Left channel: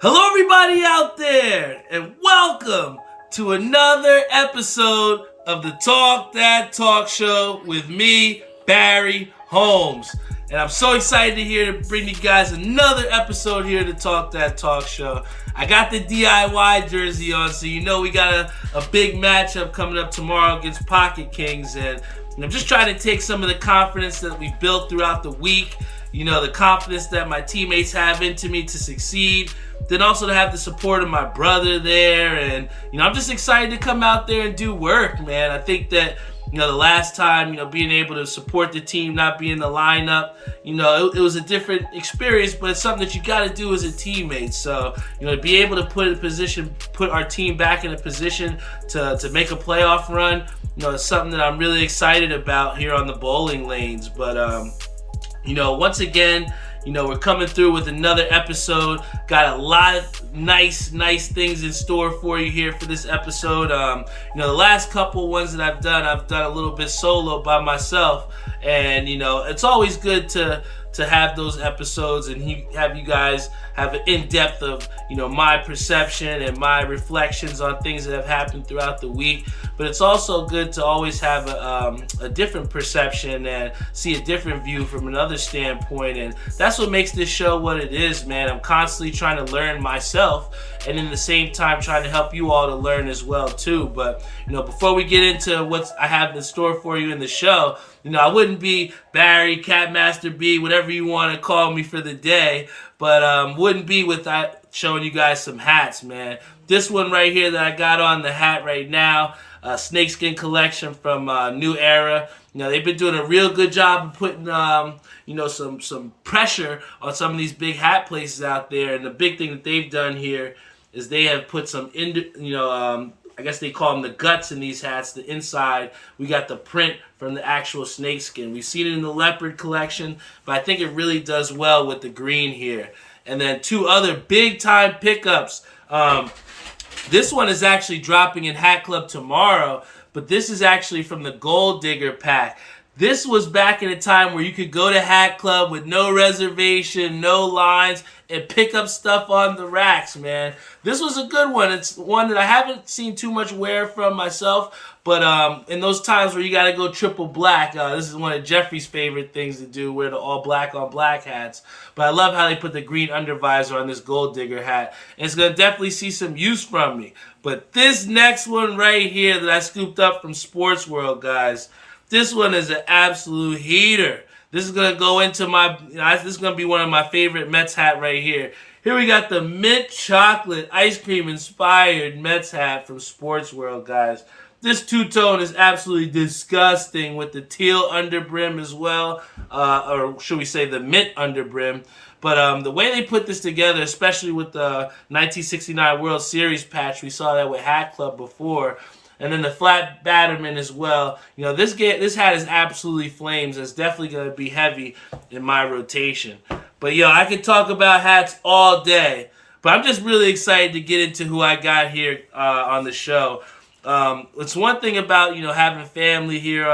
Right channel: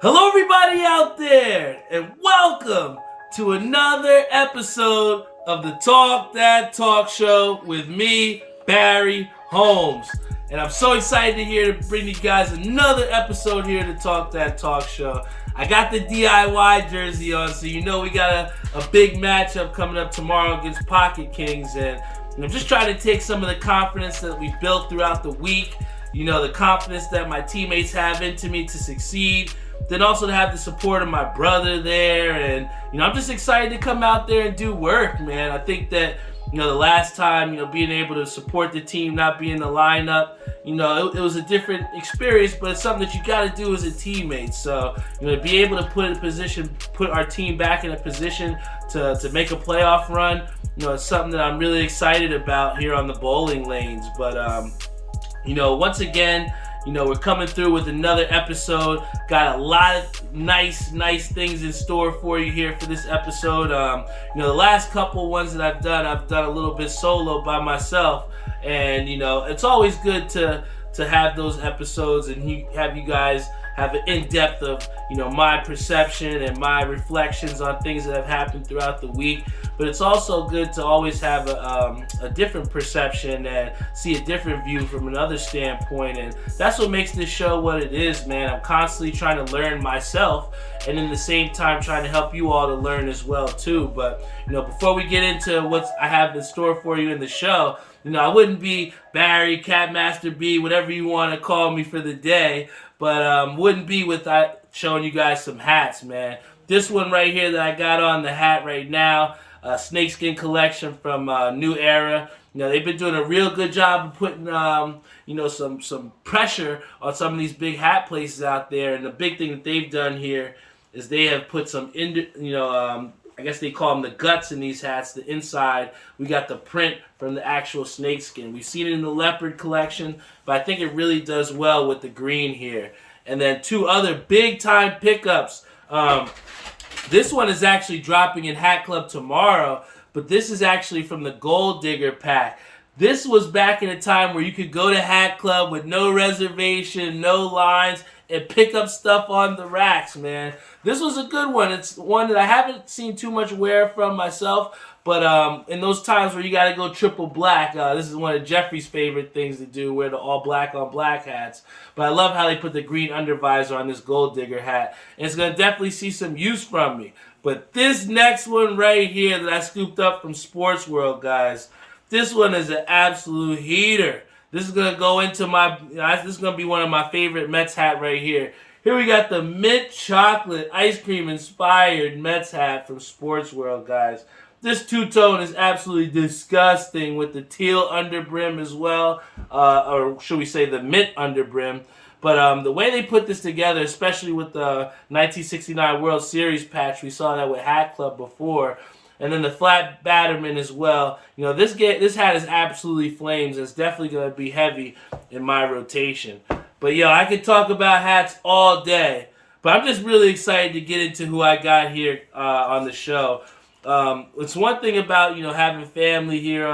Hello, everybody out there, and welcome to another episode of the Talk That Talk Show with me, Barry Holmes. And I'm so excited to bring you guys another episode here to Talk That Talk Show. I got the DIY jersey on, so you know we got a big matchup coming up tomorrow against Pocket Kings. And I'm just trying to take some of the confidence that we built throughout the week, you know, the confidence that my teammates have into me to succeed. Then also to have the support of my brother there. And, you know, I'm just excited to come out there and do work, man. I think that, you know, the last time, you know, being able to support the team, not be in the lineup, you know, it was a different experience, but it's something that you got to do as a teammate. So, you know, to be able to put our team back in a position to make a playoff run, you know, it's something that I'm really excited about here on the bowling lanes. But, you know, once again, you know, we're coming through with another episode. Got a lot of nice things in store for you here for this episode. You know, the last couple ones that I've done a little bit solo by myself. And, you know, it's always good to have those episodes and have you guys have an in-depth of, you know, my perception and my reflections on things that have happened throughout the week. But it's also good to always have a different perception and see a different view from another standpoint. And that's what makes this show what it is, man. I'm constantly trying to learn myself and in the same time trying to help you all to learn as well too. But, you know, before we get into what I have in store for you in the show, you know, I wouldn't be Barry, Catmaster B, whatever you want to call me for the day, but wouldn't be without showing you guys some hats, man. This one right here that I got on the hat right now, snakeskin collection from New Era. You know, they've been doing a real good job of putting, you know, some pressure on some of these big hat places out there. And the big thing that they've done here is they have put some, I guess they call them the guts in these hats. The inside, we got the print from the actual snakeskin. We've seen it in the leopard collection, but I think it really does well with the green here. And then two other big-time pickups. This one is actually dropping in Hat Club tomorrow, but this is actually from the Gold Digger pack. This was back in a time where you could go to Hat Club with no reservation, no lines, and pick up stuff on the racks, man. This was a good one. It's one that I haven't seen too much wear from myself, but in those times where you got to go triple black, this is one of Jeffrey's favorite things to do, wear the all black on black hats. But I love how they put the green undervisor on this Gold Digger hat, and it's going to definitely see some use from me. But this next one right here that I scooped up from Sports World, guys, this one is an absolute heater. This is going to go into this is going to be one of my favorite Mets hat right here. Here we got the mint chocolate ice cream inspired Mets hat from Sports World, guys. This two-tone is absolutely disgusting with the teal underbrim as well, or should we say the mint underbrim. But the way they put this together, especially with the 1969 World Series patch, we saw that with Hat Club before, and then the flat batterman as well. You know, this hat is absolutely flames. It's definitely going to be heavy in my rotation. But, yo, I could talk about hats all day. But I'm just really excited to get into who I got here on the show. It's one thing about, you know, having family here,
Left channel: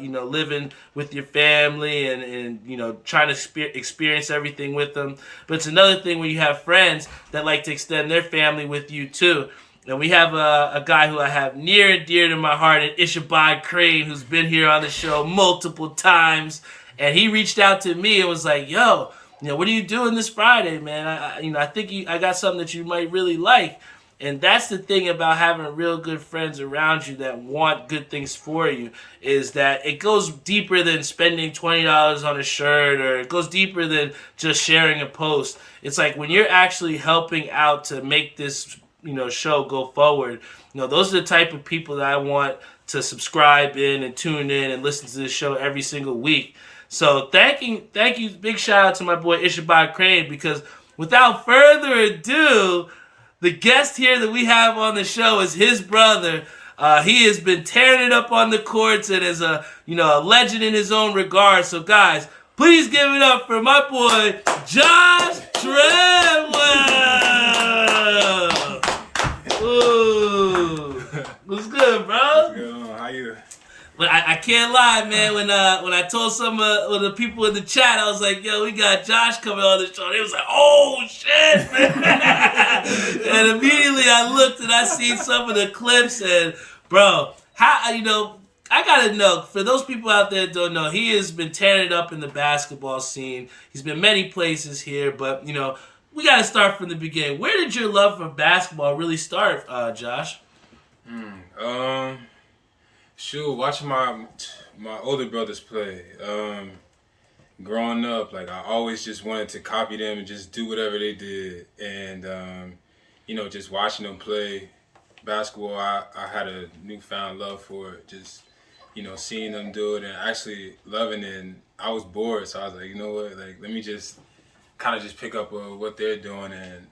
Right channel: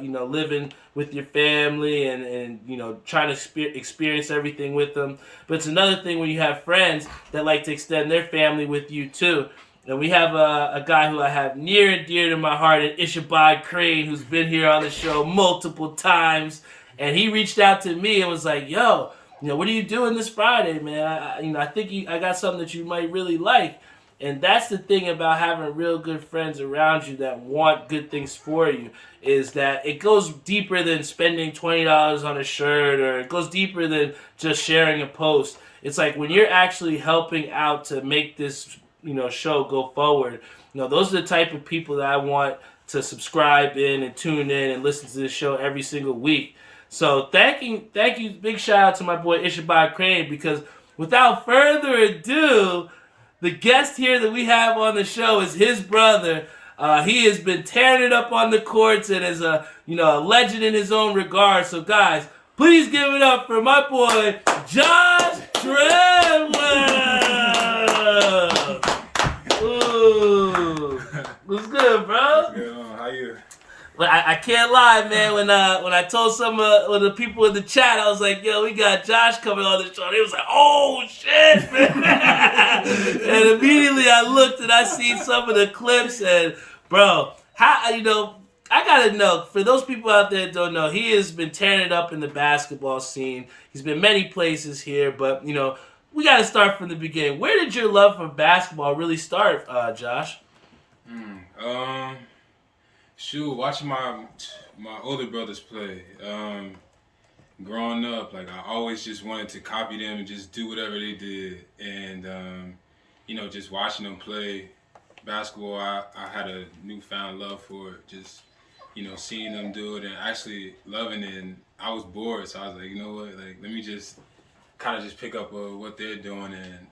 you know, living with your family and you know, trying to experience everything with them. But it's another thing when you have friends that like to extend their family with you, too. And we have a guy who I have near and dear to my heart, an Ichabod Crane, who's been here on the show multiple times. And he reached out to me and was like, yo, you know, what are you doing this Friday, man? I think I got something that you might really like. And that's the thing about having real good friends around you that want good things for you, is that it goes deeper than spending $20 on a shirt, or it goes deeper than just sharing a post. It's like when you're actually helping out to make this, you know, show go forward. You know, those are the type of people that I want to subscribe in and tune in and listen to this show every single week. So thank you, big shout out to my boy Ichabod Crane, because without further ado, the guest here that we have on the show is his brother. He has been tearing it up on the courts and is a legend in his own regard. So guys, please give it up for my boy Josh Treadwell. Ooh, what's good, bro? What's going on? How you? But I can't lie, man. When I told some of the people in the chat, I was like, "Yo, we got Josh coming on the show." They was like, "Oh shit, man!" I looked and I seen some of the clips, and bro, how I gotta know, for those people out there that don't know, he has been tearing it up in the basketball scene. He's been many places here, but we gotta start from the beginning. Where did your love for basketball really start, Josh? Shoot, watching my older brothers play. Growing up, like I always just wanted to copy them and just do whatever they did, and just watching them play basketball, I had a newfound love for it. Just seeing them do it and actually loving it. And I was bored, so I was like, you know what, like let me just kind of just pick up what they're doing, and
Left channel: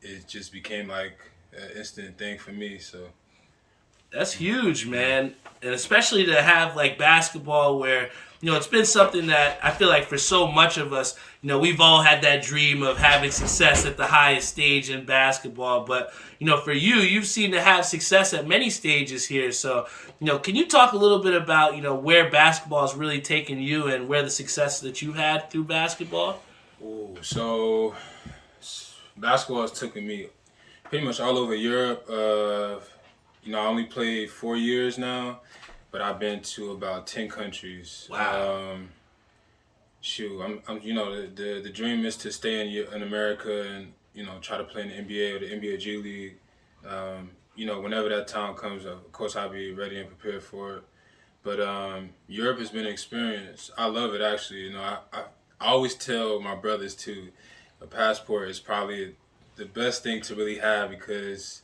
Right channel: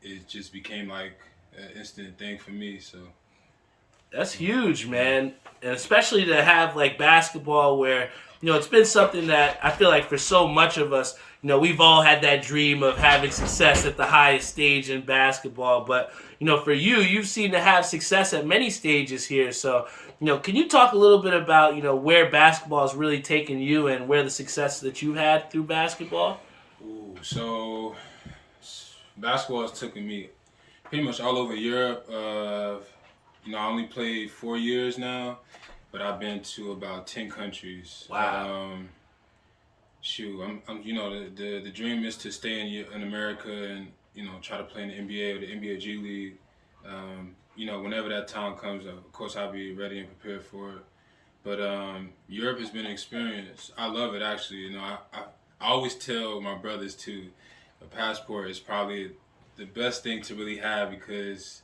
it just became like an instant thing for me. So. That's huge, man. And especially to have like basketball where, it's been something that I feel like for so much of us, we've all had that dream of having success at the highest stage in basketball. But, for you, you've seen to have success at many stages here. So, can you talk a little bit about, where basketball has really taken you and where the success that you've had through basketball? Ooh, so basketball has taken me pretty much all over Europe. I only played 4 years now, but I've been to about 10 countries. Wow. I'm the dream is to stay in America and try to play in the NBA or the NBA G League. Whenever that time comes, of course I'll be ready and prepared for it. But Europe has been an experience. I love it actually. I always tell my brothers too, a passport is probably the best thing to really have because.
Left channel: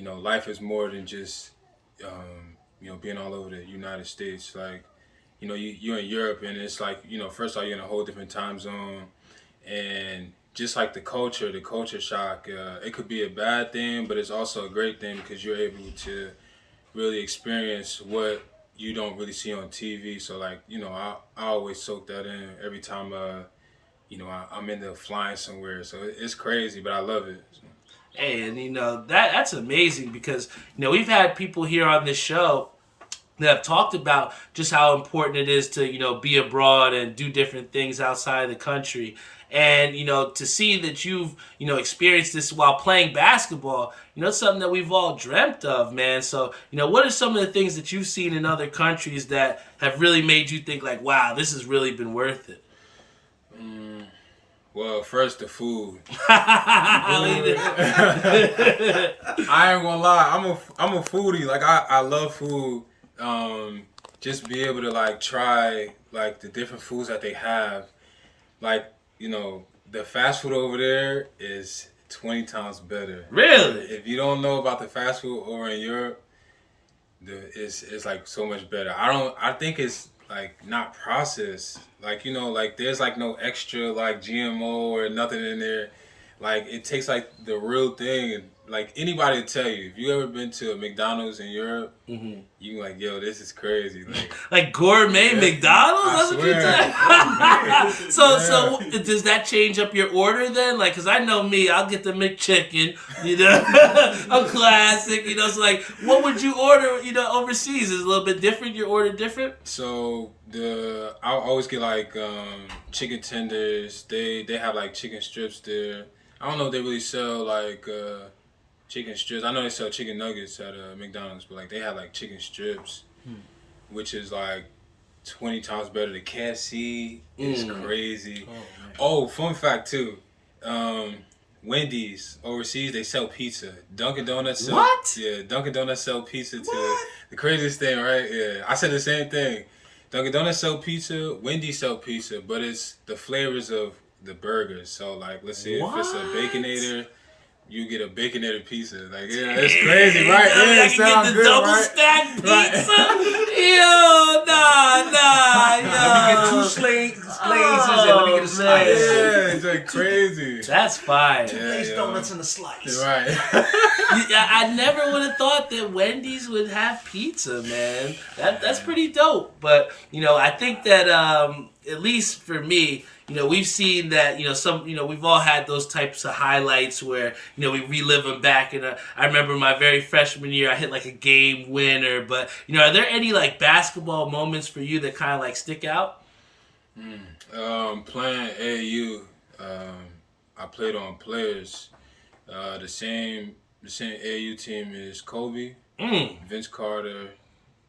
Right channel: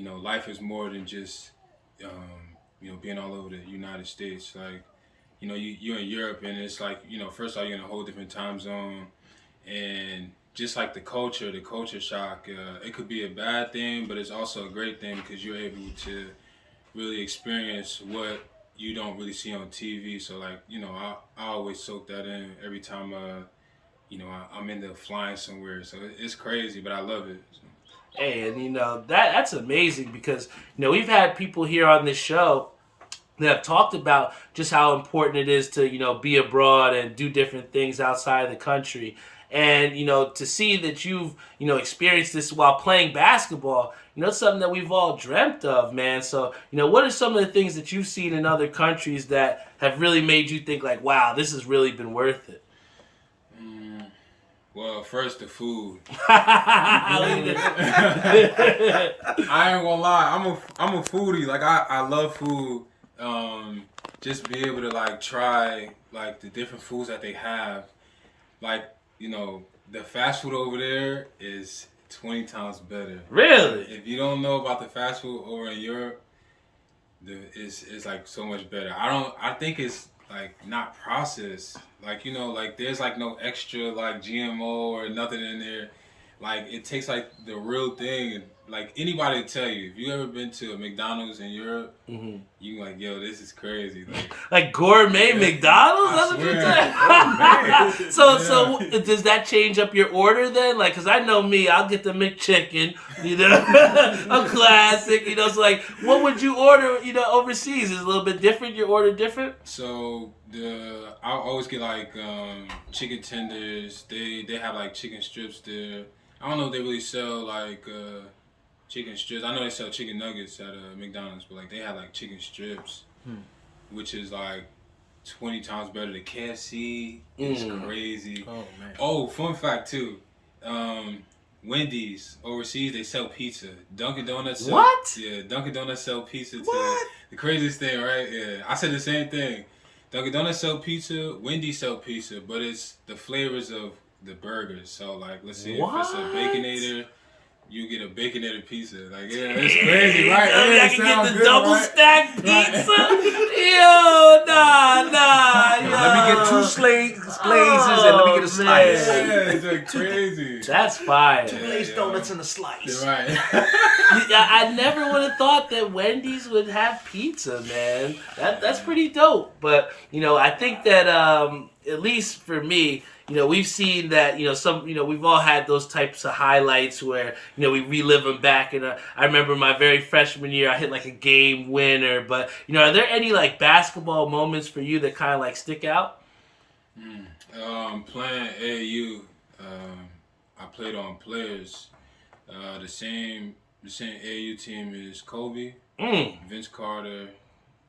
Life is more than just, being all over the United States. Like, you're in Europe and it's like, first of all, you're in a whole different time zone. And just like the culture shock, it could be a bad thing, but it's also a great thing because you're able to really experience what you don't really see on TV. So, like, I always soak that in every time, I'm into flying somewhere. So it's crazy, but I love it. So. Hey, and that's amazing because we've had people here on this show that have talked about just how important it is to be abroad and do different things outside of the country, and to see that you've experienced this while playing basketball, it's something that we've all dreamt of, man. So what are some of the things that you've seen in other countries that have really made you think like, wow, this has really been worth it? Well, first the food. I ain't gonna lie, I'm a foodie. Like I love food. Just be able to like try like the different foods that they have. Like the fast food over there is 20 times better. Really? If you don't know about the fast food over in Europe, it's like so much better. I think it's like not processed. Like like there's like no extra like GMO or nothing in there. Like it tastes like the real thing. Like anybody will tell you, if you ever been to a McDonald's in Europe, you like, yo, this is crazy. Like gourmet McDonald's? That's what you're saying? So does that change up your order then? Like, cause I know me, I'll get the McChicken, a classic, so like, what would you order, overseas? Is it a little bit different? Your order different? So I'll always get like chicken tenders. They have like chicken strips there. I don't know if they really sell like chicken strips. I know they sell chicken nuggets at McDonald's, but like they have like chicken strips, which is like 20 times better than KFC. It's crazy. Oh, man. Oh, fun fact too. Wendy's overseas, they sell pizza. Dunkin' Donuts sell, what? Yeah, Dunkin' Donuts sell pizza too. What? The craziest thing, right? Yeah, I said the same thing. Dunkin' Donuts sell pizza, Wendy's sell pizza, but it's the flavors of the burgers. So like, let's say if it's a Baconator, you get a Baconator pizza. Like, yeah, it's crazy, right? I can get the double stack pizza. Yo, nah. Let me get 2 glazes and let me get a slice. Yeah, it's like crazy. That's fine. 2 glazed donuts and a slice. Right. I never would have thought that Wendy's would have pizza, man. That's pretty dope. But I think that at least for me, we've seen that, we've all had those types of highlights where, we relive them back. And I remember my very freshman year, I hit like a game winner. But, are there any like basketball moments for you that kind of like stick out? Playing AAU, I played on players. The same the same AAU team is Kobe, Vince Carter,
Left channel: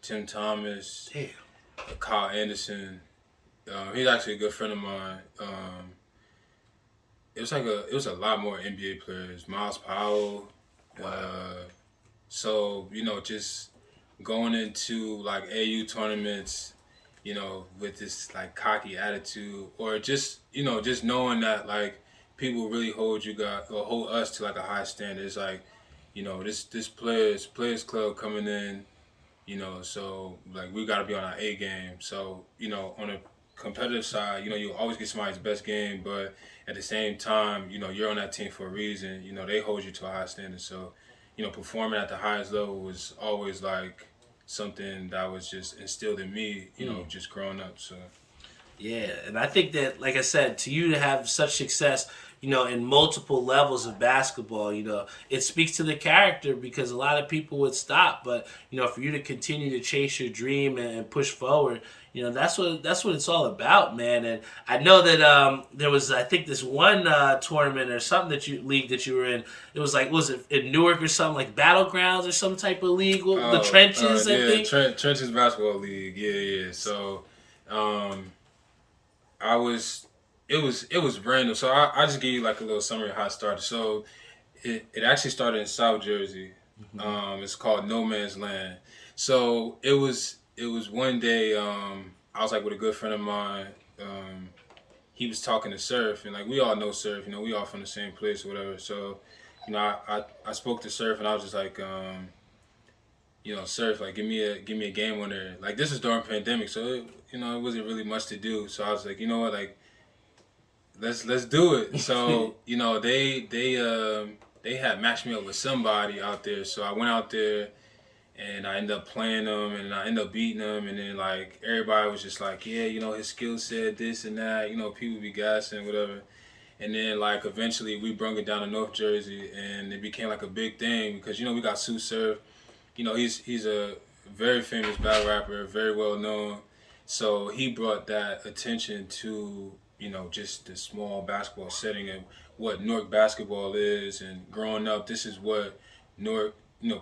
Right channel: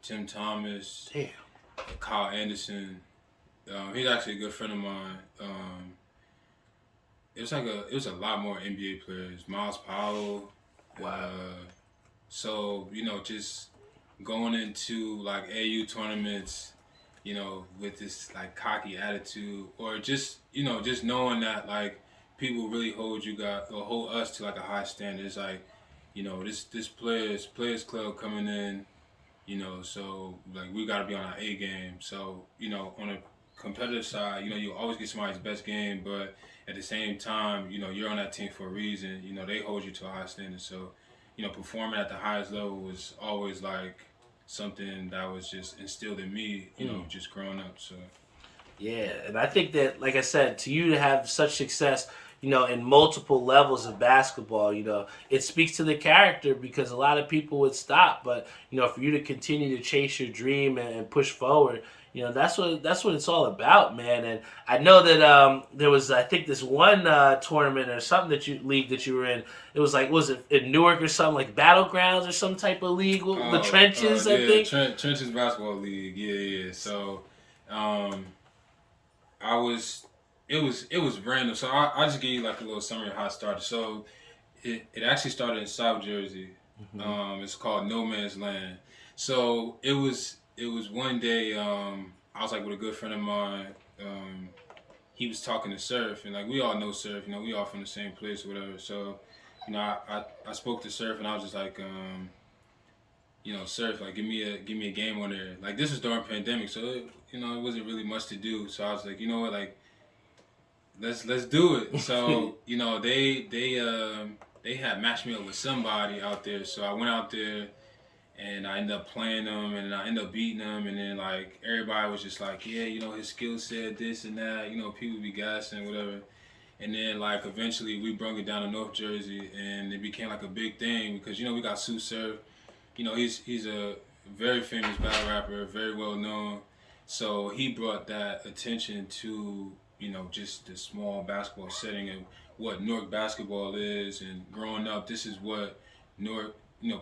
Tim Thomas, Damn. Kyle Anderson. He's actually a good friend of mine. It was a lot more NBA players. Miles Powell. Wow. So just going into like AU tournaments, with this like cocky attitude, or just just knowing that like people really hold us to like a high standard. It's like, this players club coming in, so like we got to be on our A game. So on a competitive side, you always get somebody's best game, but at the same time, you're on that team for a reason. They hold you to a high standard. So performing at the highest level was always like something that was just instilled in me, just growing up. So Yeah, and I think that, like I said, to you to have such success, in multiple levels of basketball, it speaks to the character, because a lot of people would stop, but for you to continue to chase your dream and push forward, that's what it's all about, man. And I know that there was, I think, this one tournament or something league that you were in. It was like, was it in Newark or something, like Battlegrounds or some type of league? The Trenches, I think. Trenches Basketball League. Yeah. So, it was random. So I just give you like a little summary of how it started. So it actually started in South Jersey. It's called No Man's Land. So it was one day, I was like with a good friend of mine. He was talking to Surf, and like we all know Surf, we all from the same place or whatever. So, I spoke to Surf, and I was just like, Surf, like give me a game on there. Like this was during pandemic, so it wasn't really much to do. So I was like, you know what, like let's do it. So they had matched me up with somebody out there. So I went out there, and I ended up playing them, and I ended up beating them, and then like everybody was just like, yeah, his skill set, this and that, people be gassing, whatever. And then like eventually we brung it down to North Jersey, and it became like a big thing because we got Sue Surf. He's a very famous battle rapper, very well known. So he brought that attention to just the small basketball setting and what Newark basketball is. And growing up, this is what Newark,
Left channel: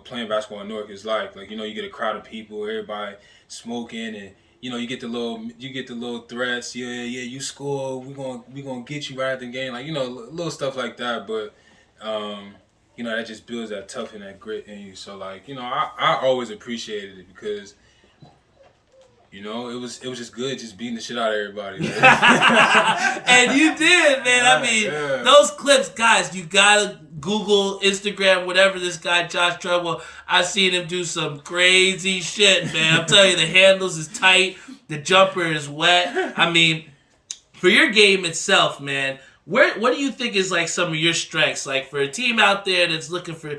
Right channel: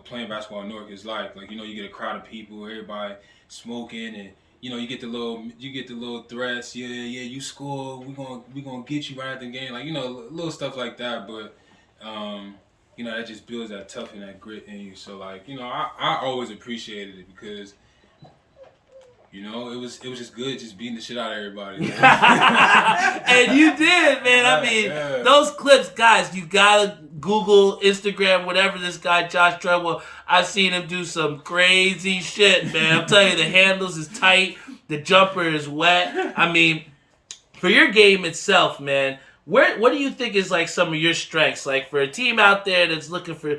playing basketball in Newark is like. Like you get a crowd of people, everybody smoking, and you get the little threats. Yeah, you score, we gonna get you right at the game. Like little stuff like that. But that just builds that tough and that grit in you. So like I always appreciated it because it was just good just beating the shit out of everybody. And you did, man. I mean, those clips, guys, you gotta Google, Instagram, whatever this guy, Josh Treadwell. I've seen him do some crazy shit, man. I'm telling you, the handles is tight. The jumper is wet. I mean, for your game itself, man, what do you think is like some of your strengths? Like for a team out there that's looking for,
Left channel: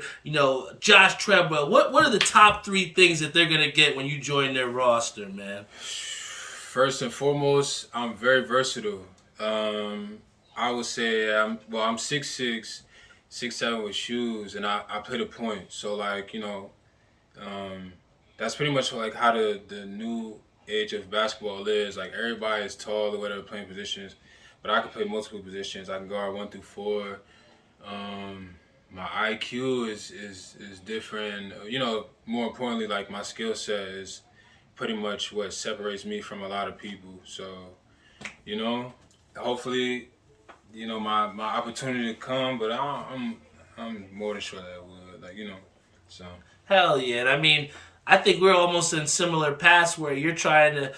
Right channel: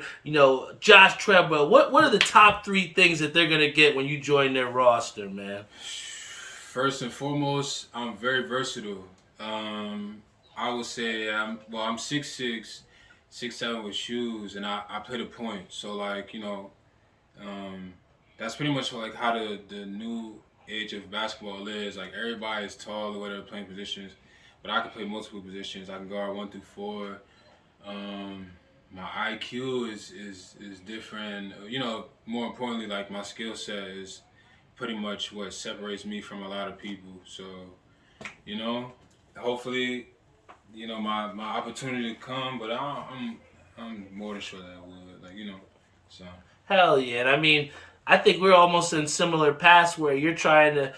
Josh Treadwell, what are the top 3 things that they're gonna get when you join their roster, man? First and foremost, I'm very versatile. I would say I'm 6'6", 6'7" with shoes, and I play the point. So like that's pretty much like how the new age of basketball is. Like everybody is tall or whatever playing positions. But I can play multiple positions. I can guard 1 through 4. My IQ is different. More importantly, like my skill set is pretty much what separates me from a lot of people. So, hopefully, my opportunity to come. But I'm more than sure that it will. Like so. Hell yeah! And I mean, I think we're almost in similar paths where you're trying to,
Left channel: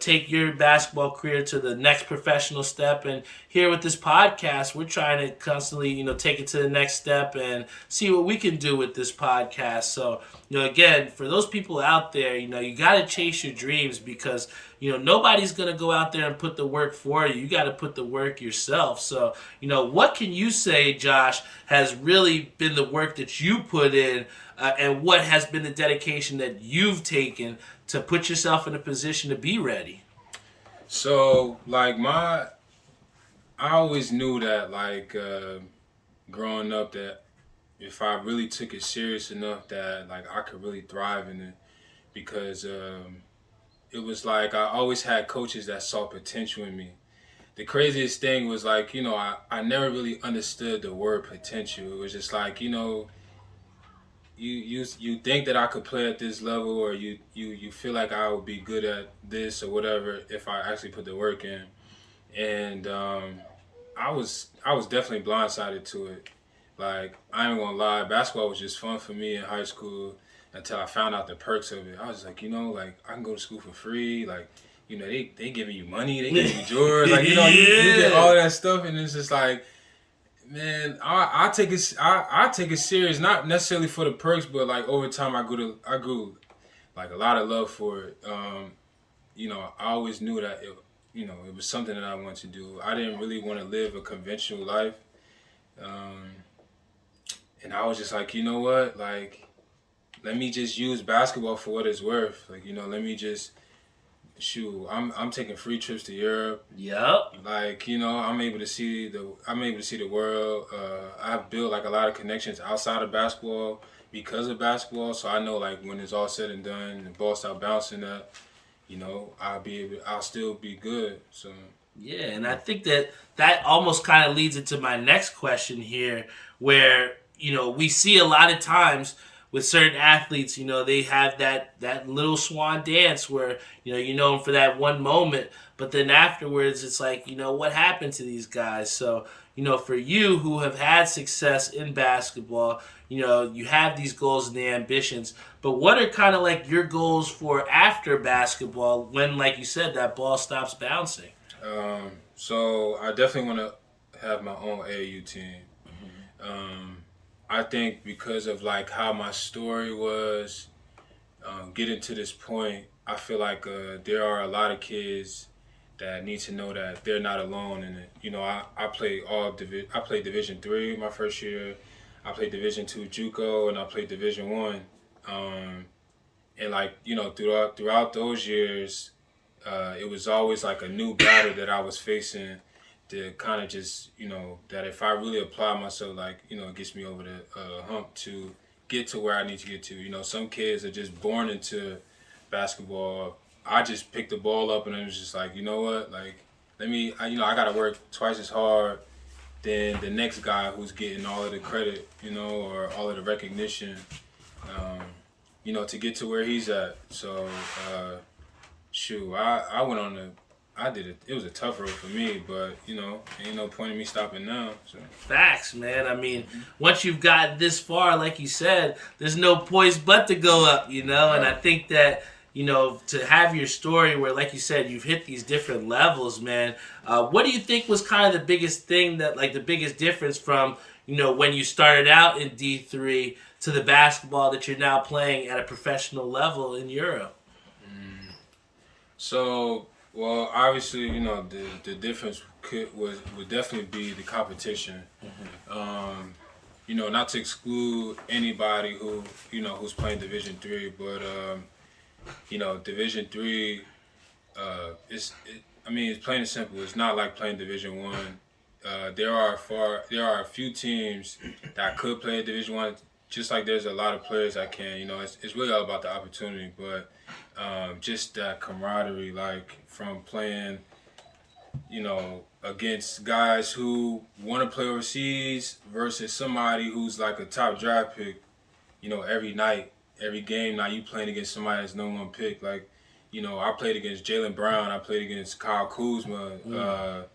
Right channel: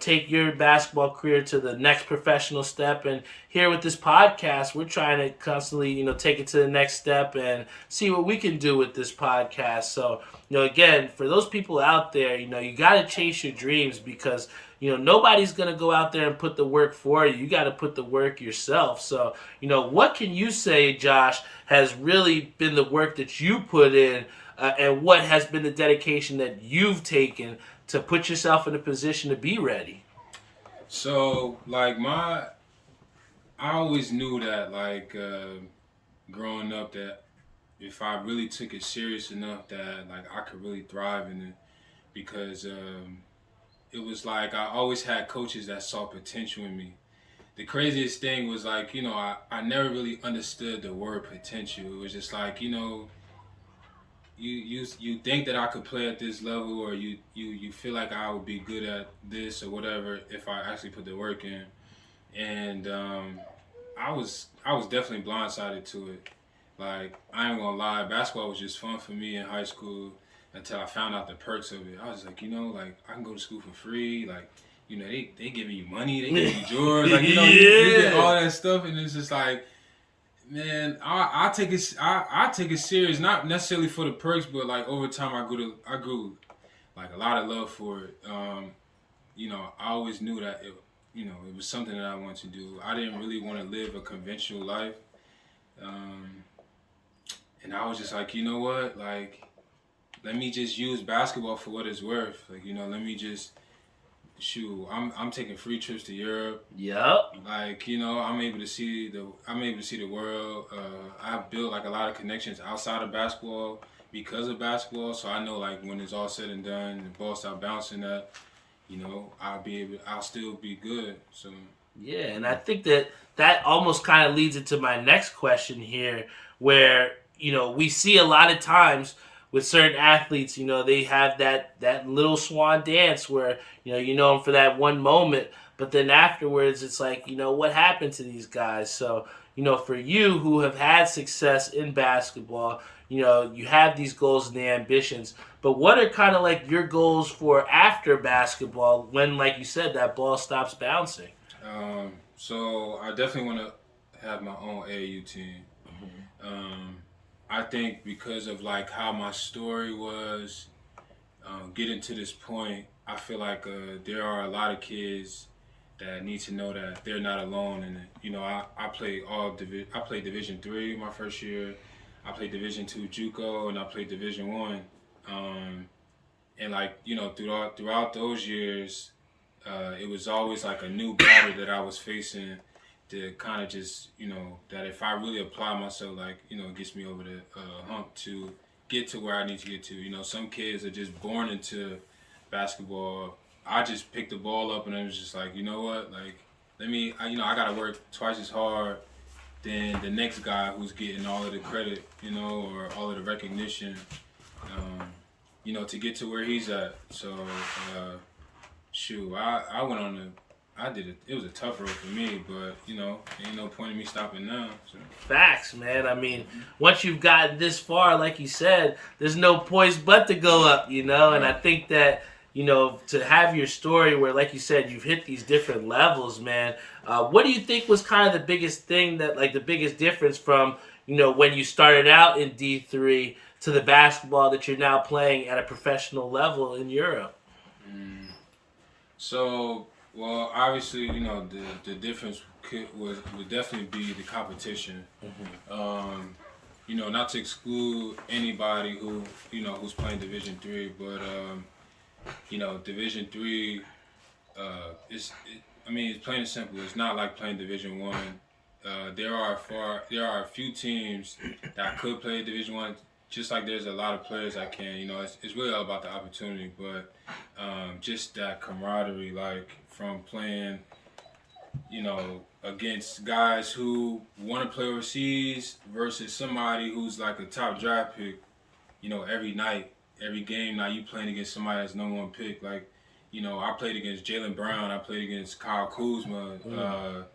take your basketball career to the next professional step. And here with this podcast, we're trying to constantly, take it to the next step and see what we can do with this podcast. So, again, for those people out there, you got to chase your dreams because, nobody's going to go out there and put the work for you. You got to put the work yourself. So, what can you say, Josh, has really been the work that you put in and what has been the dedication that you've taken to put yourself in a position to be ready? So, like I always knew that, like, growing up, that if I really took it serious enough, that like I could really thrive in it, because it was like I always had coaches that saw potential in me. The craziest thing was like I never really understood the word potential. It was just like you think that I could play at this level, or you feel like I would be good at this or whatever if I actually put the work in. And I was definitely blindsided to it. Like, I ain't gonna lie, basketball was just fun for me in high school until I found out the perks of it. I was just like, like, I can go to school for free. Like, they giving you money, they giving you drawers. Like, you get all that stuff, and it's just like, man, I take it serious, not necessarily for the perks, but like over time I grew like a lot of love for it. I always knew that it was something that I wanted to do. I didn't really want to live a conventional life. And I was just like, you know what? Like, let me just use basketball for what it's worth. Like, let me just shoot. I'm taking free trips to Europe. Yep. Like, I'm able to see the world. I've built like a lot of connections outside of basketball because of basketball. So I know, like, when it's all said and done, the ball start bouncing up, I'll still be good. So yeah, and I think that almost kind of leads into my next question here, where we see a lot of times with certain athletes, they have that little swan dance where, you know them for that one moment, but then afterwards it's like, what happened to these guys? So, for you who have had success in basketball, you have these goals and the ambitions, but what are kind of like your goals for after basketball when, like you said, that ball stops bouncing? So I definitely want to have my own AAU team. I think because of like how my story was getting to this point, I feel like there are a lot of kids that need to know that they're not alone in it. I played I played Division III my first year. I played Division II JUCO, and I played Division I. And like throughout those years, it was always like a new battle that I was facing. To kind of just, that if I really apply myself, like, it gets me over the hump to get to where I need to get to. Some kids are just born into basketball. I just picked the ball up and I was just like, you know what? Like, I got to work twice as hard than the next guy who's getting all of the credit, or all of the recognition, to get to where he's at. So, I went on I did it. It was a tough road for me, but ain't no point in me stopping now. So. Facts, man. I mean, once you've gotten this far, like you said, there's no poise but to go up, And I think that to have your story where, like you said, you've hit these different levels, man. What do you think was kind of the biggest thing the biggest difference from when you started out in D3 to the basketball that you're now playing at a professional level in Europe? So. Well, obviously, the difference would definitely be the competition. Not to exclude anybody who's playing Division III, but Division III, it's plain and simple. It's not like playing Division I. There are a few teams that could play Division I. Just like there's a lot of players that can, it's really all about the opportunity, but just that camaraderie, like from playing, against guys who want to play overseas versus somebody who's like a top draft pick, every night, every game. Now you playing against somebody that's no one pick. Like, I played against Jaylen Brown, I played against Kyle Kuzma,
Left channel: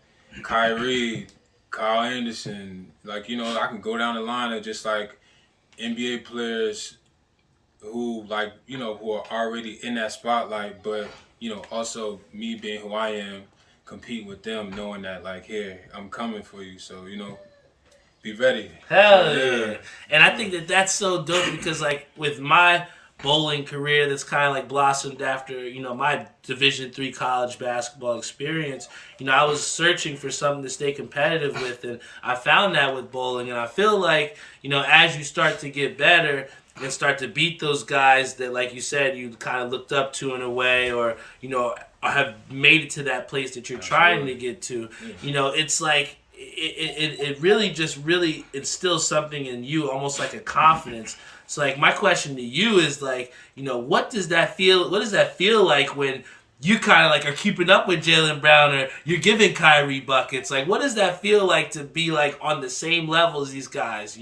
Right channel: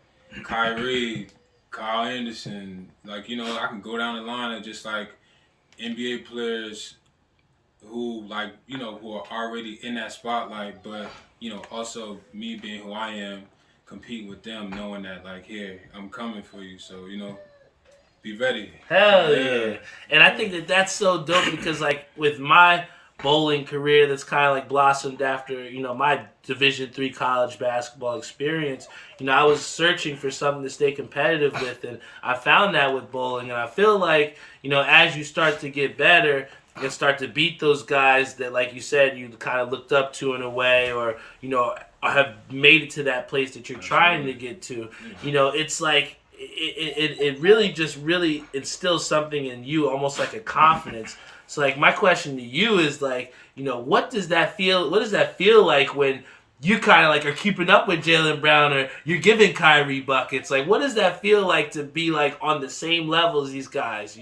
Kyrie, Kyle Anderson. Like, I can go down the line of just like NBA players who like, who are already in that spotlight, but, also me being who I am, compete with them, knowing that like, here, I'm coming for you. So, be ready. Hell yeah. And I think that's so dope because like with my bowling career that's kind of like blossomed after, my Division III college basketball experience, I was searching for something to stay competitive with, and I found that with bowling. And I feel like, as you start to get better and start to beat those guys that, like you said, you kind of looked up to in a way, or, have made it to that place that you're trying to get to, it's like, it really just really instills something in you, almost like a confidence. So like my question to you is like, what does that feel like when you kind of like are keeping up with Jaylen Brown or you're giving Kyrie buckets? Like, what does that feel like to be like on the same level as these guys,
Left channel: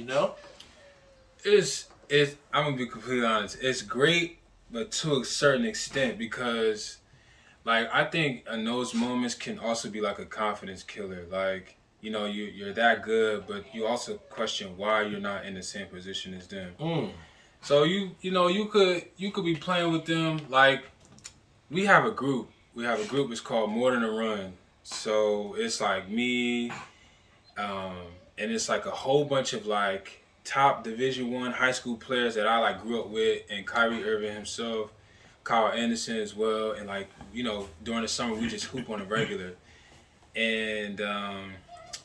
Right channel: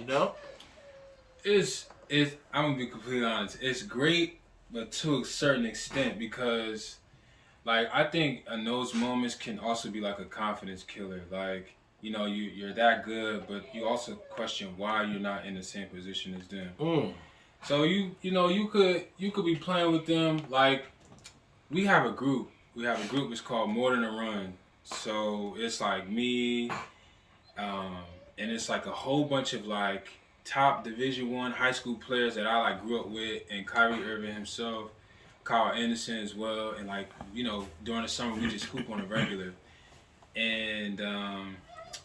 I'm gonna be completely honest. It's great, but to a certain extent because, like, I think in those moments can also be like a confidence killer. Like, you're that good, but you also question why you're not in the same position as them. So you could be playing with them. Like, we have a group. It's called More Than a Run. So it's like me, um, and it's like a whole bunch of like top Division 1 high school players that I like grew up with, and Kyrie Irving himself, Kyle Anderson as well, and like during the summer we just hoop on a regular, and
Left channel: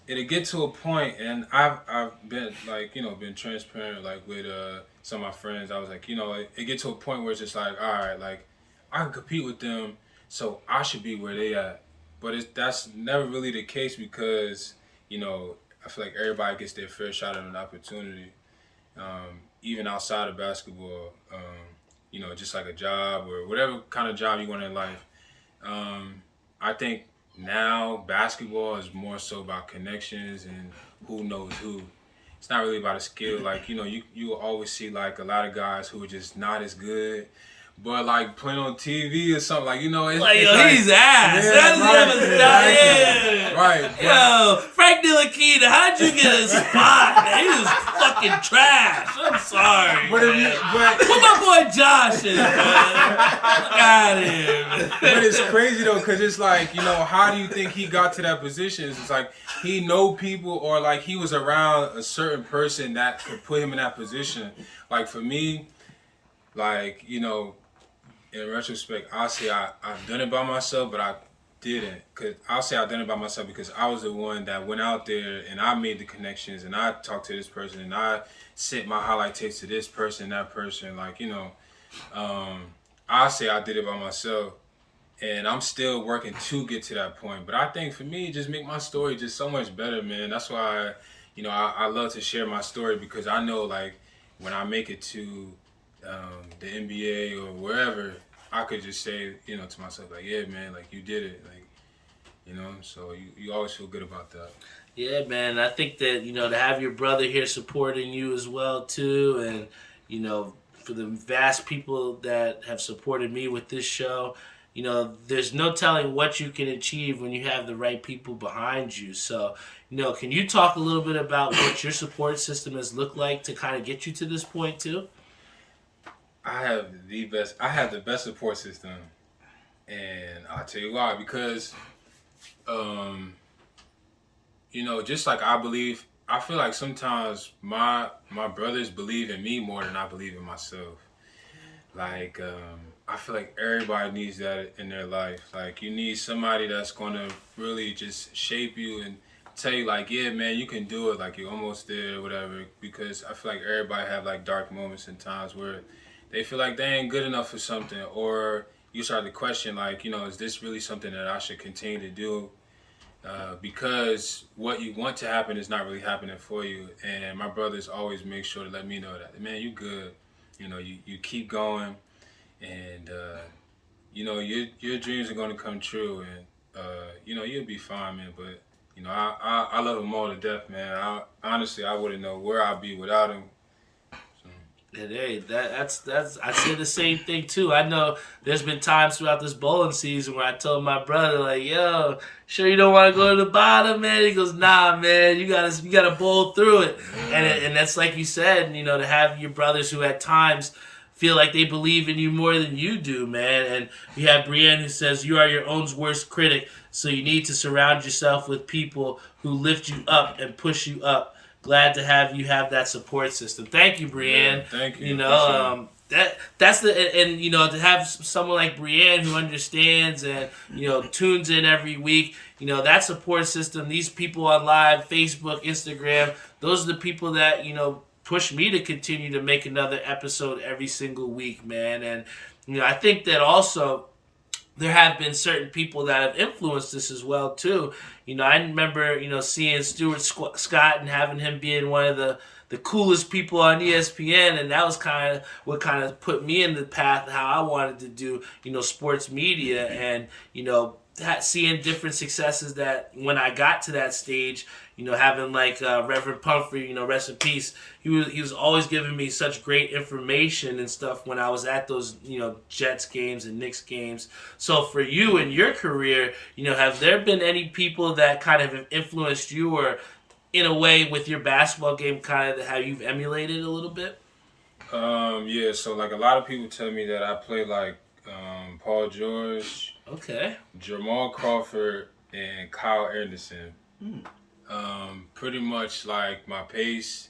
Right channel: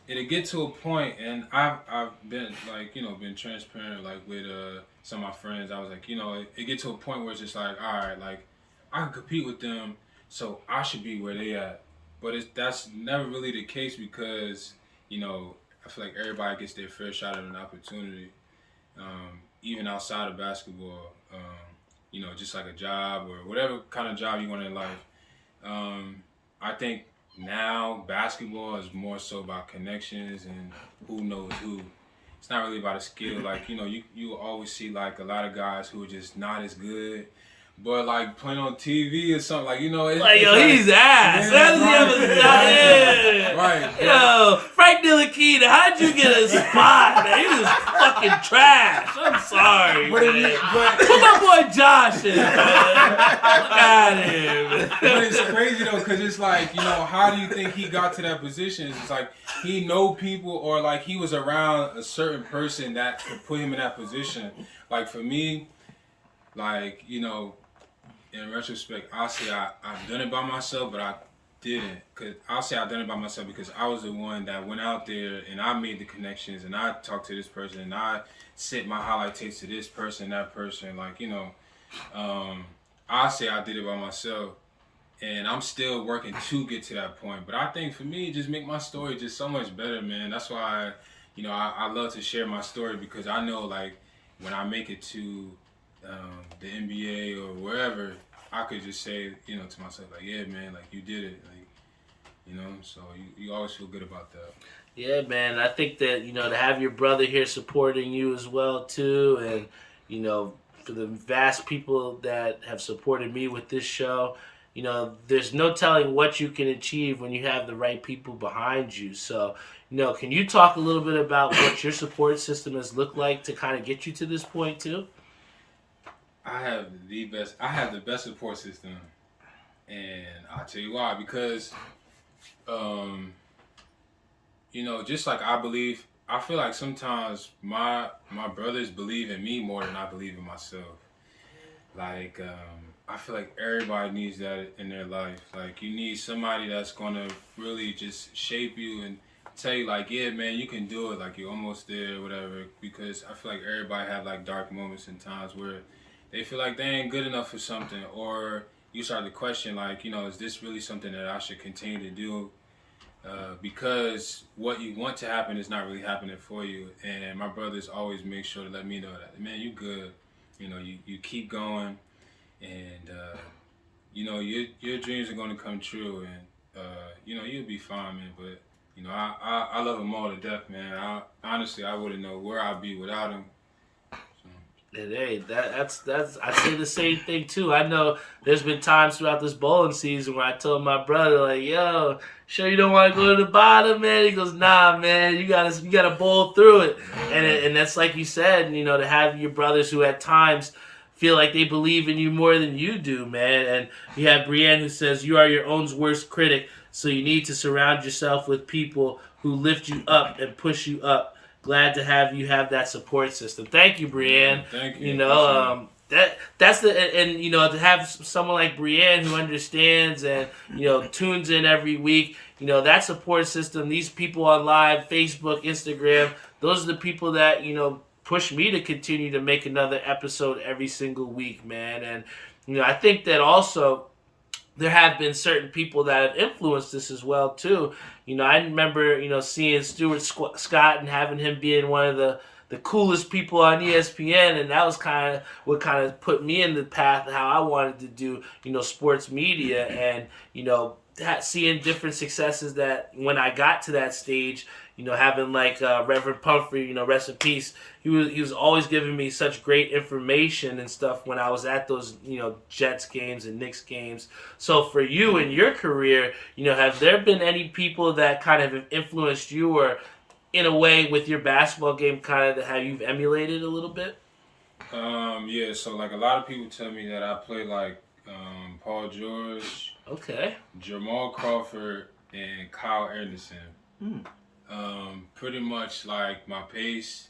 it'll get to a point, and I've been like been transparent like with some of my friends. I was like it get to a point where it's just like, all right, like I can compete with them, so I should be where they at, but that's never really the case because I feel like everybody gets their fair shot at an opportunity, even outside of basketball. Just like a job or whatever kind of job you want in life. I think now basketball is more so about connections and who knows who. It's not really about a skill. Like you will always see like a lot of guys who are just not as good. But like playing on TV or something, like it's like, yo, like, he's ass. How does he have a spot? Yeah. Right. Yo, Frank Ntilikina, how'd you get a spot, man? He was fucking trash. I'm sorry, man. Put my boy Josh in, man. Look at him. But it's crazy though, cause it's like how do you think he got to that position? It's like he know people, or like he was around a certain person that could put him in that position. Like for me, like in retrospect, I'll say I've done it by myself, but I didn't. I'll say I've done it by myself because I was the one that went out there and I made the connections and I talked to this person and I sent my highlight tapes to this person, that person. Like, I'll say I did it by myself, and I'm still working to get to that point. But I think for me, just make my story just so much better, man. That's why, I love to share my story because I know, like, when I make it to the NBA or wherever, I could just say, to myself, like, yeah, man, like, you did it. Like, so you always feel good about that. Yeah, man. I think that, to have your brother here supporting you as well, too, and, for the vast people that have supported me with this show, there's no telling what you can achieve when you have the right people behind you. So, can you talk a little bit about what your support system has looked like to kind of get you to this point, too? I have the best support system, and I'll tell you why. Because, just like I feel like sometimes my brothers believe in me more than I believe in myself. Like, I feel like everybody needs that in their life. Like, you need somebody that's gonna really just shape you and tell you, like, yeah, man, you can do it. Like, you're almost there, or whatever. Because I feel like everybody have like dark moments and times where they feel like they ain't good enough for something, or you start to question, like, is this really something that I should continue to do? Because what you want to happen is not really happening for you. And my brothers always make sure to let me know that, man, you good. You keep going, and your dreams are going to come true, and you'll be fine, man. But I love them all to death, man. Honestly, I wouldn't know where I'd be without them. And hey, that's I say the same thing too. I know there's been times throughout this bowling season where I told my brother, like, yo, sure you don't want to go to the bottom, man? He goes, nah, man, you gotta bowl through it. And that's like you said, to have your brothers who at times feel like they believe in you more than you do, man. And we have Brienne who says, you are your own worst critic, so you need to surround yourself with people who lift you up and push you up. Glad to have you have that support system. Thank you, Brienne. Yeah, thank you. That's to have someone like Brienne who understands and tunes in every week. That support system. These people on live, Facebook, Instagram. Those are the people that push me to continue to make another episode every single week, man. And I think that also there have been certain people that have influenced this as well too. I remember seeing Stuart Scott and having him being one of the coolest people on ESPN, and that was kind of what kind of put me in the path of how I wanted to do sports media, and seeing different successes that when I got to that stage, having like Reverend Pumphrey, rest in peace. He was always giving me such great information and stuff when I was at those, Jets games and Knicks games. So for you in your career, have there been any people that kind of have influenced you or in a way with your basketball game kind of how you've emulated a little bit? Yeah, so like a lot of people tell me that I play like Paul George, Okay. Jamal Crawford, and Kyle Anderson. Pretty much like my pace,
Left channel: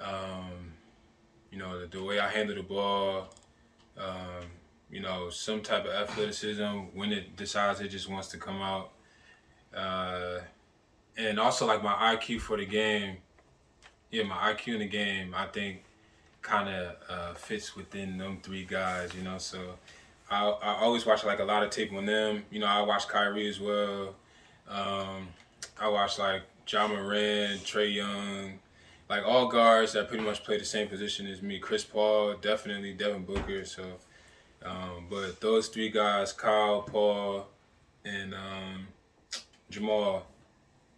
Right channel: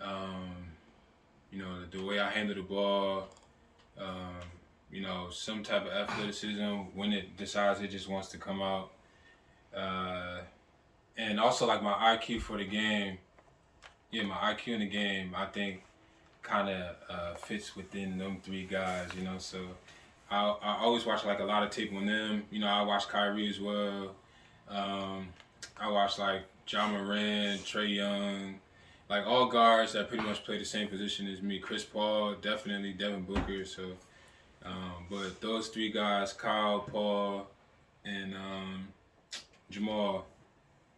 the way I handle the ball, some type of athleticism when it decides it just wants to come out. And also like my IQ for the game. Yeah, my IQ in the game, I think kind of fits within them three guys, so I always watch like a lot of tape on them. I watch Kyrie as well. I watch like Ja Morant, Trae Young, like all guards that pretty much play the same position as me. Chris Paul, definitely Devin Booker. So, but those three guys, Kyle, Paul, and Jamal,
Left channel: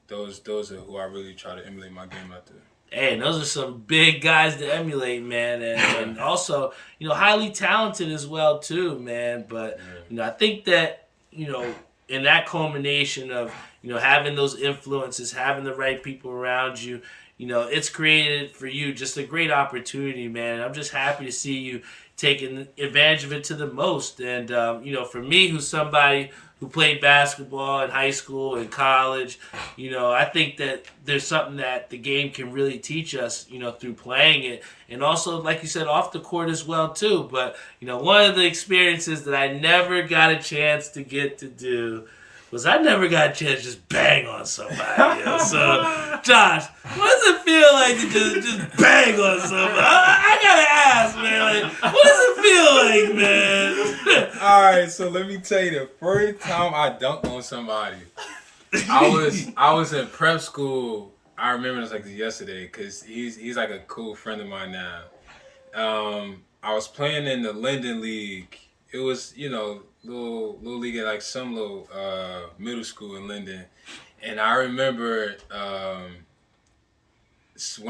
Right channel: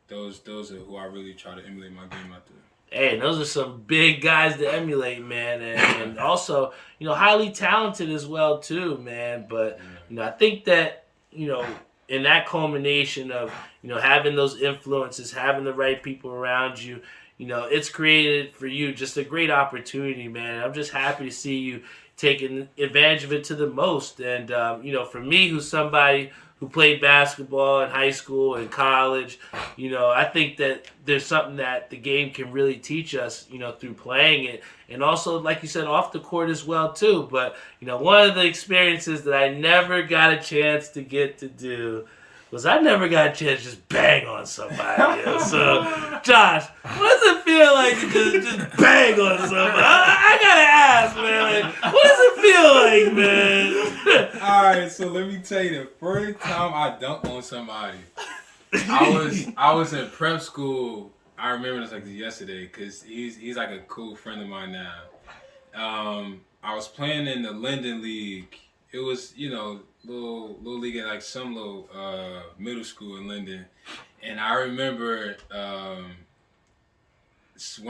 those are who I really try to emulate my game out there. Hey, those are some big guys to emulate, man, and also, highly talented as well too, man. But I think that in that culmination of having those influences, having the right people around you, it's created for you just a great opportunity, man. I'm just happy to see you taking advantage of it to the most. And for me, who's somebody who played basketball in high school and college, I think that there's something that the game can really teach us, through playing it. And also, like you said, off the court as well, too. But, one of the experiences that I never got a chance to get to do was I never got a chance to just bang on somebody. So, Josh, what does it feel like to just bang on somebody? I gotta ask, man. Like, what does it feel like, man? All right, so let me tell you, the first time I dunked on somebody, I was in prep school. I remember this like yesterday because he's like a cool friend of mine now. I was playing in the Linden League. It was, little league at like some little middle school in Linden. And I remember one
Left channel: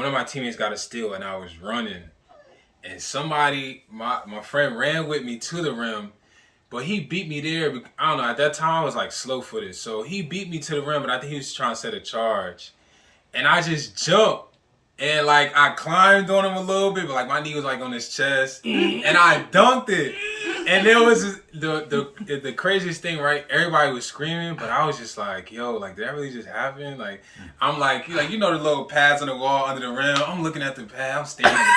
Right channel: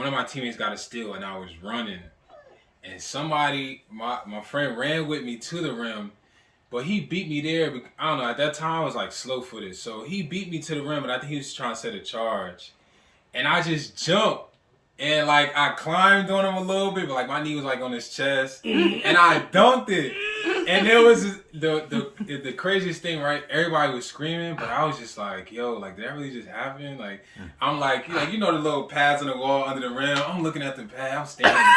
of my teammates got a steal and I was running. And somebody, my friend ran with me to the rim, but he beat me there. I don't know, at that time I was like slow-footed. So he beat me to the rim, but I think he was trying to set a charge. And I just jumped. And like I climbed on him a little bit, but like my knee was like on his chest, and I dunked it. And there was the craziest thing, right? Everybody was screaming, but I was just like, "Yo, like did that really just happen?" Like I'm like, the little pads on the wall under the rim. I'm looking at the pad. I'm standing at the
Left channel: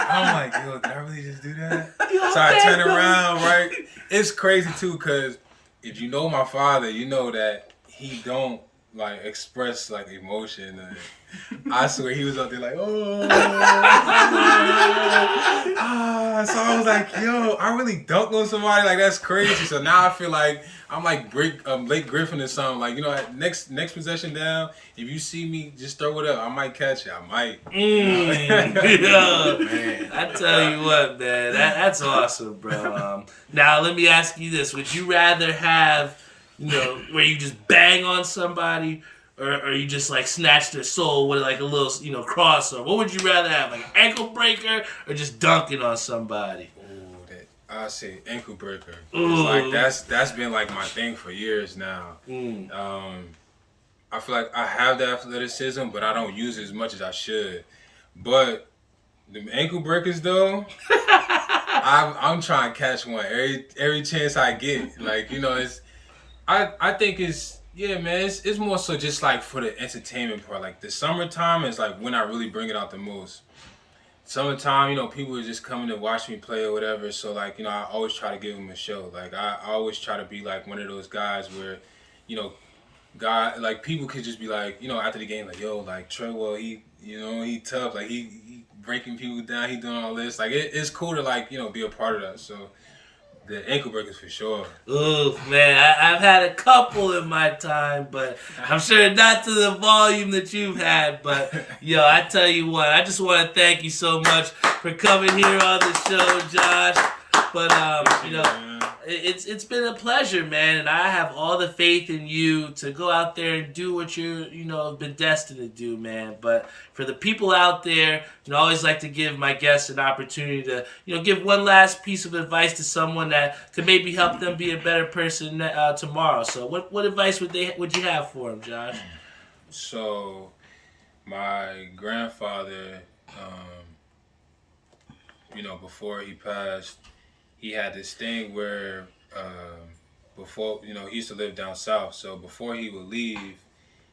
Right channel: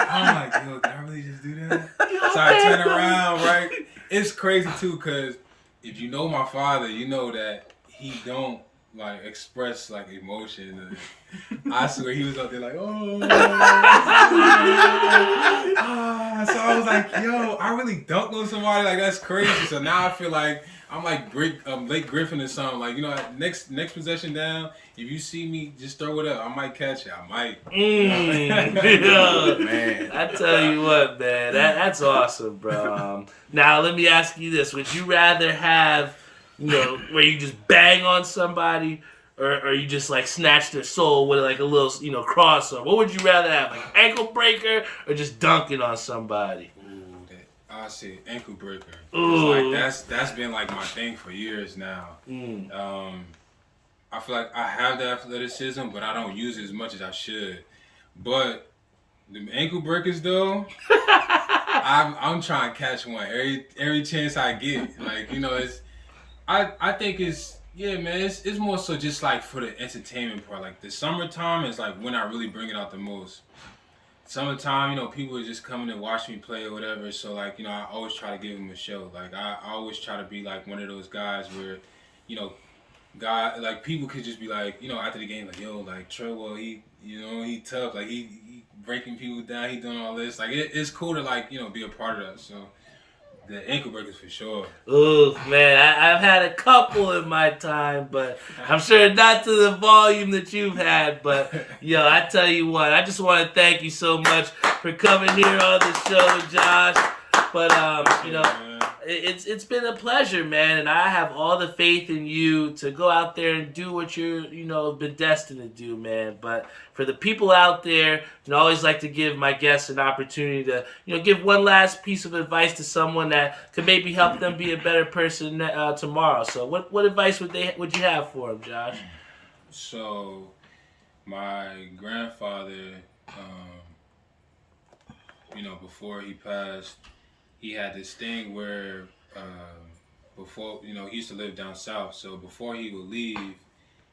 pad. I'm like, "Yo, did I really just do that?" So I turn around, right? It's crazy too, cause if you know my father, you know that he don't like express like emotion. And I swear he was out there like, oh. So I was like, yo, I really dunked on somebody. Like that's crazy. So now I feel like I'm like Blake Griffin or something. Like at next possession down, if you see me, just throw it up. I might catch it. I might. Yeah. Man. I tell you what, man, that's awesome, bro. Now let me ask you this: would you rather have where you just bang on somebody, or you just like snatch their soul with like a little, crossover? What would you rather have, like ankle breaker or just dunking on somebody? Ooh, I say ankle breaker. It's like that's been like my thing for years now. I feel like I have the athleticism, but I don't use it as much as I should. But the ankle breakers though, I'm trying to catch one every chance I get. Like it's. I think it's, yeah, man, it's more so just like for the entertainment part. Like the summertime is like when I really bring it out the most. Summertime, people are just coming to watch me play or whatever. So like, I always try to give them a show. Like I always try to be like one of those guys where, like people could just be like, after the game, like, yo, like Treadwell, he tough. Like he breaking people down. He doing all this. Like it's cool to like, be a part of that. So. The ankle breakers for sure. Ooh, man, I've had a couple in my time, but I'm sure not to the volume that you've had. But, I tell you what, I just want to thank you so much for coming here on the show, Josh. But, it's been a pleasure, man, and I have all the faith in you to go out there and do what you're, been destined to do, man. But for the people out there, I always like to give my guests an opportunity to, give one last piece of advice to someone that could maybe help them be a better person tomorrow. So, what advice would you have for them, Josh? So, my grandfather, before he passed, he had this thing where before, he used to live down south. So before he would leave,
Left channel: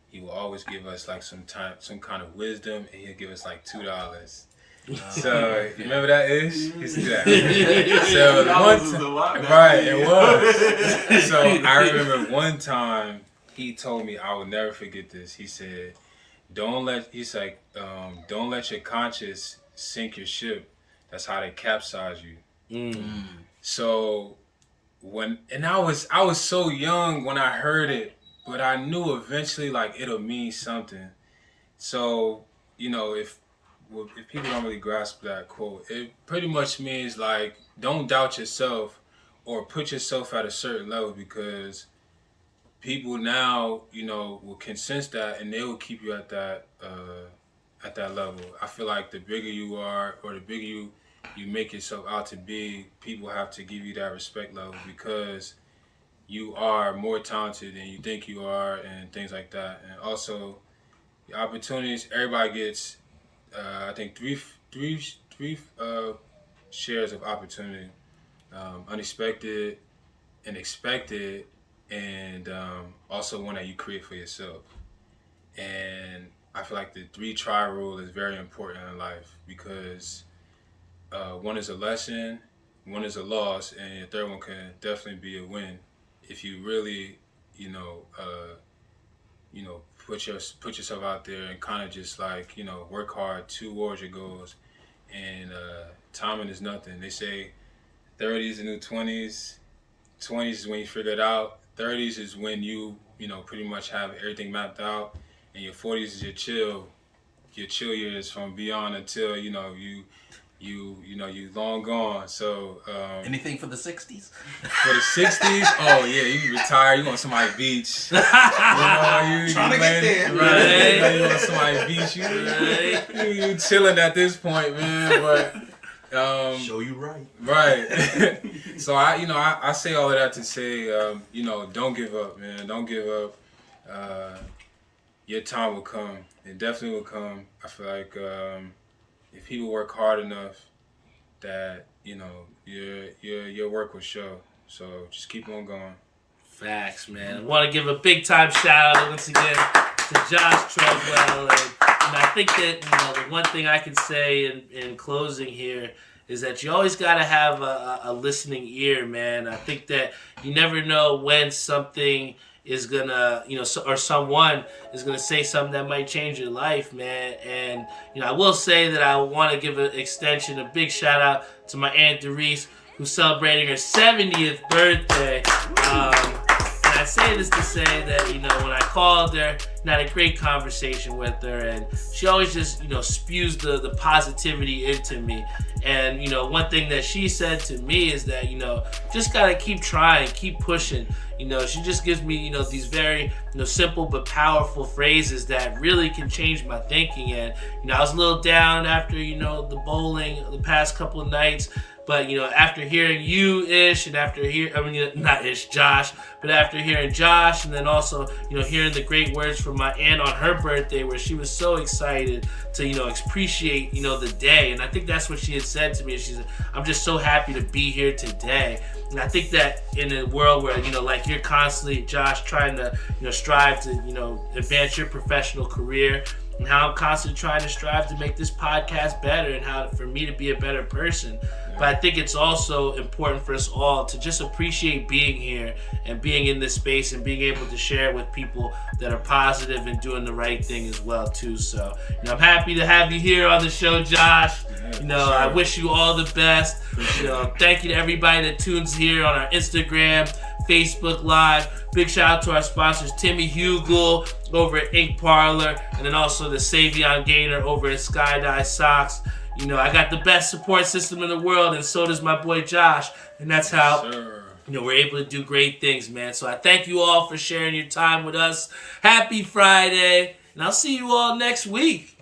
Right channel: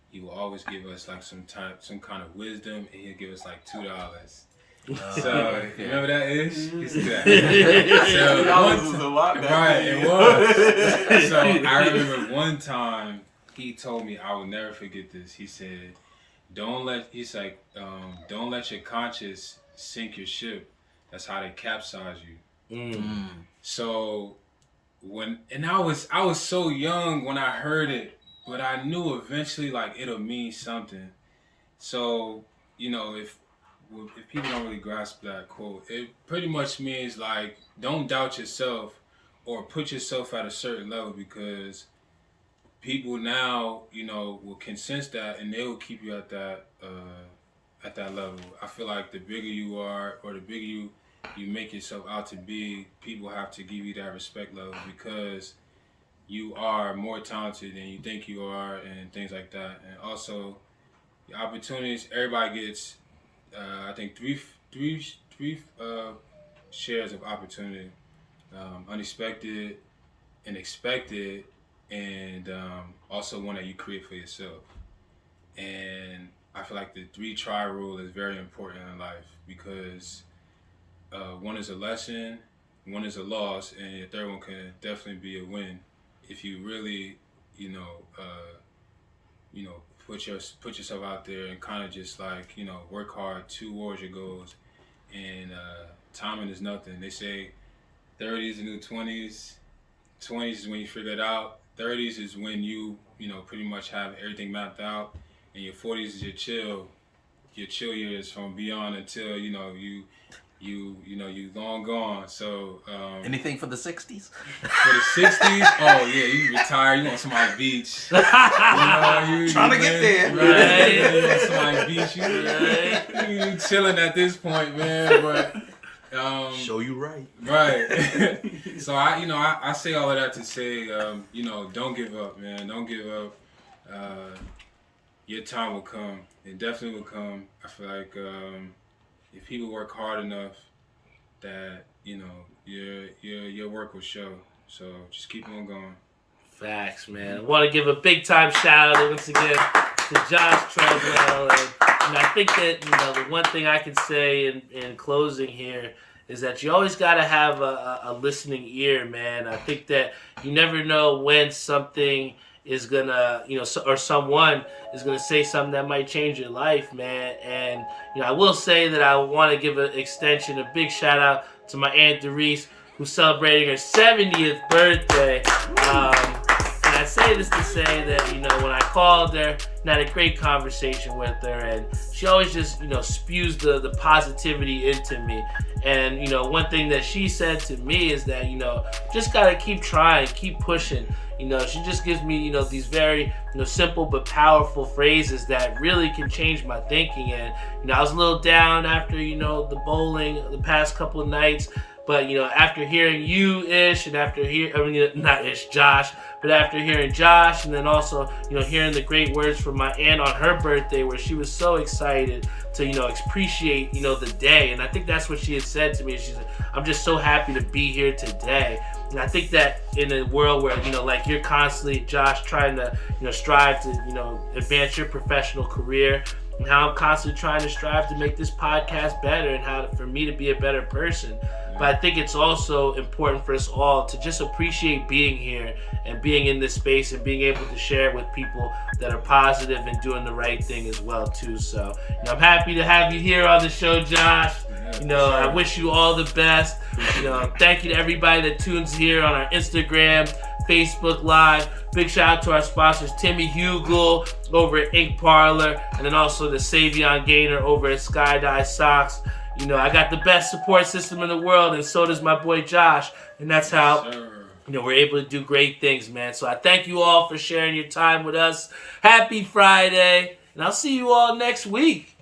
he would always give us like some kind of wisdom, and he'd give us like $2. So remember that Ish? He used to do that. So it was. So I remember one time he told me, I will never forget this. He said, don't let your conscience sink your ship. That's how they capsize you. So I was so young when I heard it, but I knew eventually like it'll mean something. So, if people don't really grasp that quote, it pretty much means like don't doubt yourself or put yourself at a certain level, because people now, can sense that and they will keep you at that level. I feel like the bigger you are or the bigger you make yourself out to be, people have to give you that respect level, because you are more talented than you think you are and things like that. And also, the opportunities, everybody gets, I think, three shares of opportunity. Unexpected and expected, and also one that you create for yourself. And I feel like the 3-try rule is very important in life, because one is a lesson, one is a loss, and the third one can definitely be a win if you really, put yourself out there and kind of just like, work hard towards your goals. And timing is nothing. They say 30s is the new 20s. 20s is when you figure it out. 30s is when you pretty much have everything mapped out, and your 40s is your chill years from beyond until you long gone. So anything for the 60s? For the 60s, oh yeah, you retire. You on somebody's beach. You trying to get there. Right. You on somebody's beach. You chilling at this point, man. But show you right. Right. So I say all of that to say, don't give up, man. Don't give up. Your time will come. It definitely will come. I feel like if people work hard enough, that your work will show. So just keep on going. Facts, man. I want to give a big time shout out once again to Josh Treadwell, and I think that the one thing I can say in closing here is that you always got to have a listening ear, man. I think that you never know when something is gonna, or someone is gonna say something that might change your life, man. And I will say that I want to give an extension, a big shout out to my Aunt Doris, who's celebrating her 70th birthday. And I say this to say that when I called her, I had a great conversation with her, and she always just spews the positivity into me. And one thing that she said to me is that just gotta keep trying, keep pushing. She just gives me, these very, simple but powerful phrases that really can change my thinking. And, I was a little down after, the bowling the past couple of nights. But, after hearing you, Ish, and after not Ish, Josh, but after hearing Josh, and then also, hearing the great words from my aunt on her birthday, where she was so excited to, appreciate, the day. And I think that's what she had said to me. She said, I'm just so happy to be here today. And I think that in a world where, like you're constantly, Josh, trying to, strive to, advance your professional career, and how I'm constantly trying to strive to make this podcast better and how for me to be a better person. But I think it's also important for us all to just appreciate being here and being in this space and being able to share it with people that are positive and doing the right thing as well too. So, I'm happy to have you here on the show, Josh. I wish you all the best. Thank you to everybody that tunes here on our Instagram, Facebook Live. Big shout out to our sponsors, Timmy Hugel over at Ink Parlor, and then also the Savion Gainer over at Skydive Socks. I got the best support system in the world, and so does my boy Josh. And that's how we're able to do great things, man. So I thank you all for sharing your time with us. Happy Friday, and I'll see you all next week.